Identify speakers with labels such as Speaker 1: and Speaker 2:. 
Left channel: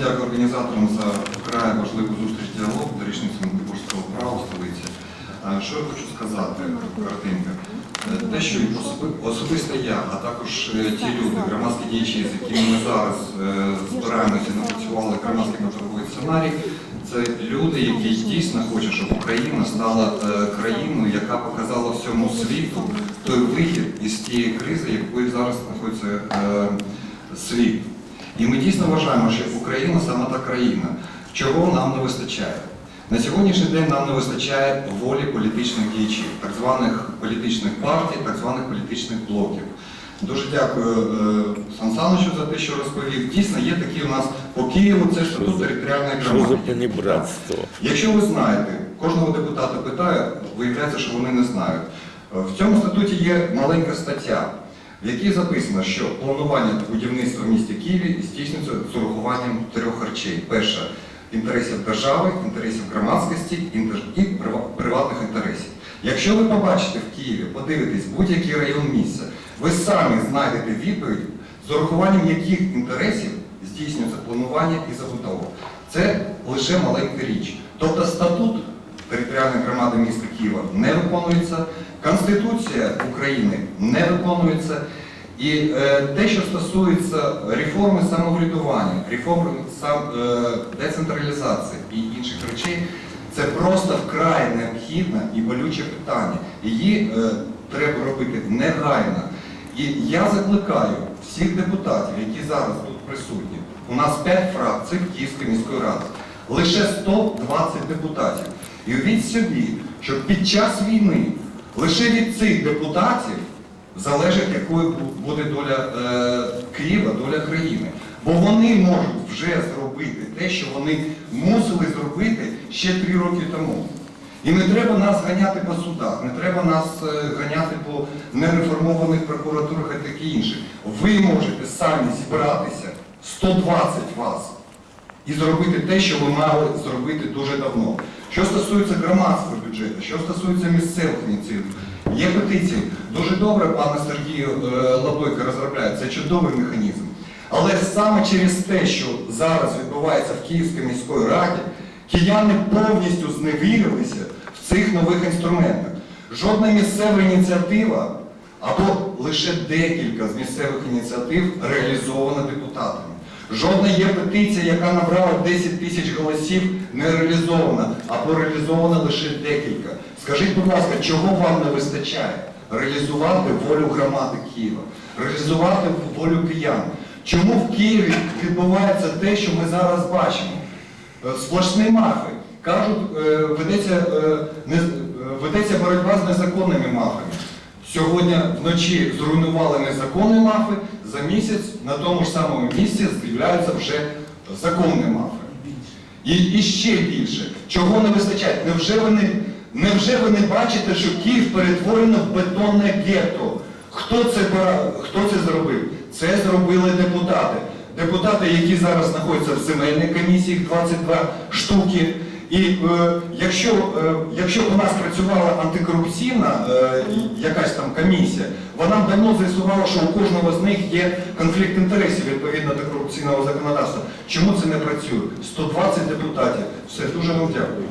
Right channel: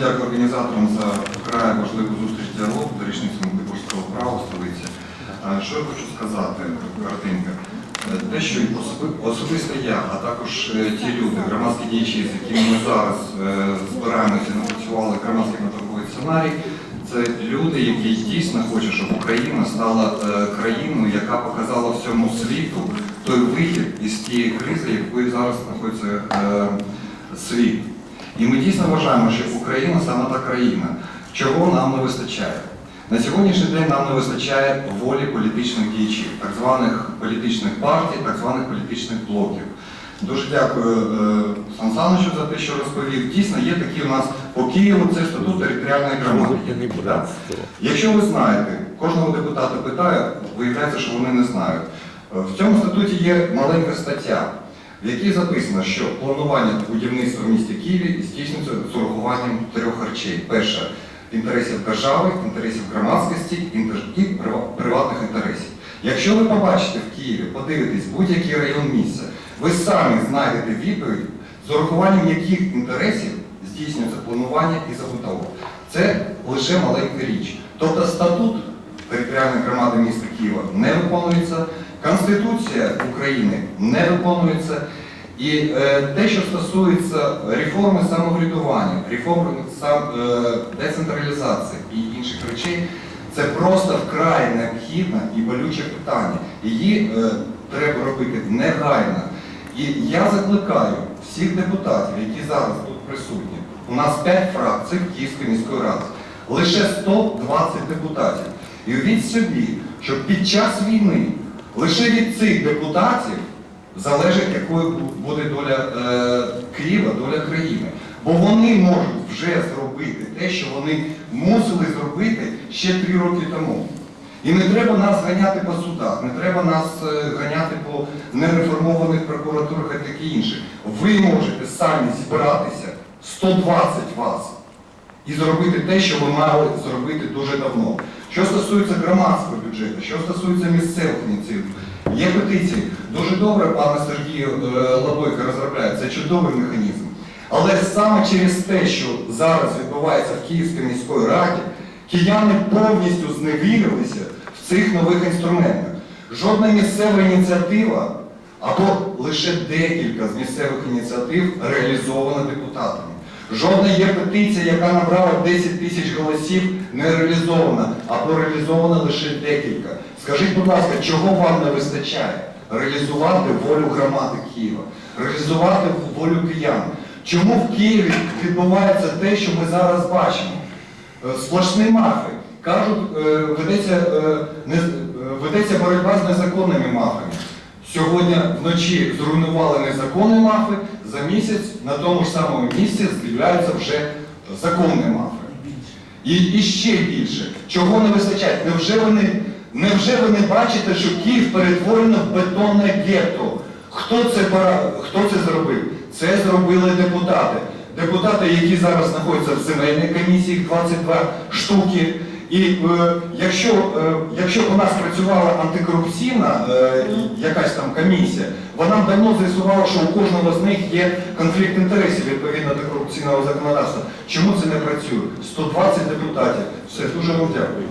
Speaker 1: дякую організаторам за вкрай важливу зустріч діалогу до річниці Магдебурзького права в столиці. Що я хочу сказати, картинка. Те, що особисто я, а також е, ті люди, громадські діячі, з якими ми зараз е, збираємося, напрацювали громадський методовий сценарій, це люди, які дійсно хочуть, щоб Україна стала е, країною, яка показала всьому світу той вихід із тієї кризи, якою зараз знаходиться світ. І ми дійсно вважаємо, що Україна саме та країна, чого нам не вистачає. На сьогоднішній день нам не вистачає волі політичних діячів, так званих політичних партій, так званих політичних блоків. Дуже дякую е, Сан Саничу за те, що розповів. Дійсно, є такі у нас по Києву, це статут територіальної громади. Якщо ви знаєте, кожного депутата питаю, виявляється, що вони не знають. Е, В цьому статуті є маленька стаття, в якій записано, що планування будівництва в місті Києві здійснюється з урахуванням трьох речей. Перше інтересів держави, інтересів громадськості і приватних інтересів. Якщо ви побачите в Києві, подивитесь будь-який район міста, ви самі знайдете відповідь, з урахуванням яких інтересів здійснюється планування і забудова. Це лише маленька річ. Тобто статут територіальної громади міста Києва не виконується, Конституція України не виконується. І е, те, що стосується реформи самоврядування, реформи сам, е, децентралізації і інших речей, це просто вкрай необхідне і болюче питання. Її е, треба робити негайно. І я закликаю всіх депутатів, які зараз тут присутні. У нас 5 фракцій Київської міської ради, лише 120 депутатів. І уявіть собі, що під час війни лише від цих депутатів залежить, якою буде доля е, Києва, доля країни. Бо вони можуть вже зробити те, що вони мусили зробити ще три роки тому. І не треба нас ганяти по судах, не треба нас е, ганяти по нереформованих прокуратурах і таке інше. Ви можете самі зібратися, 120 вас, і зробити те, що ви мали зробити дуже давно. Що стосується громадського бюджету, що стосується місцевих ініціатив, є петиції. Дуже добре, пане Сергію е, Лабойко розробляє, це чудовий механізм. Але саме через те, що зараз відбувається в Київській міській раді, кияни повністю зневірилися в цих нових інструментах. Жодна місцева ініціатива або лише декілька з місцевих ініціатив реалізована депутатами. Жодна є петиція, яка набрала 10 тисяч голосів, не реалізована, або реалізована лише декілька. Скажіть, будь ласка, чого вам не вистачає? Реалізувати волю громади Києва, реалізувати волю киян. Чому в Києві відбувається те, що ми зараз бачимо? Е, Сплошні мафи. Кажуть, е, ведеться, е, ведеться боротьба з незаконними мафами. Сьогодні вночі зруйнували незаконні мафи, за місяць на тому ж самому місці з'являються вже законні мафи. І, і ще більше. Чого не вистачає? Невже ви не, невже ви не бачите, що Київ перетворено в бетонне гетто? Хто це, хто це зробив? Це зробили депутати. Депутати, які зараз знаходяться в земельній комісії, 22 штуки. І е, якщо, е, якщо у нас працювала антикорупційна е, якась там комісія, вона б давно з'ясувала, що у кожного з них є конфлікт інтересів відповідно до корупційного законодавства. Чому це не працює? 120 депутатів. Все, дуже вам дякую.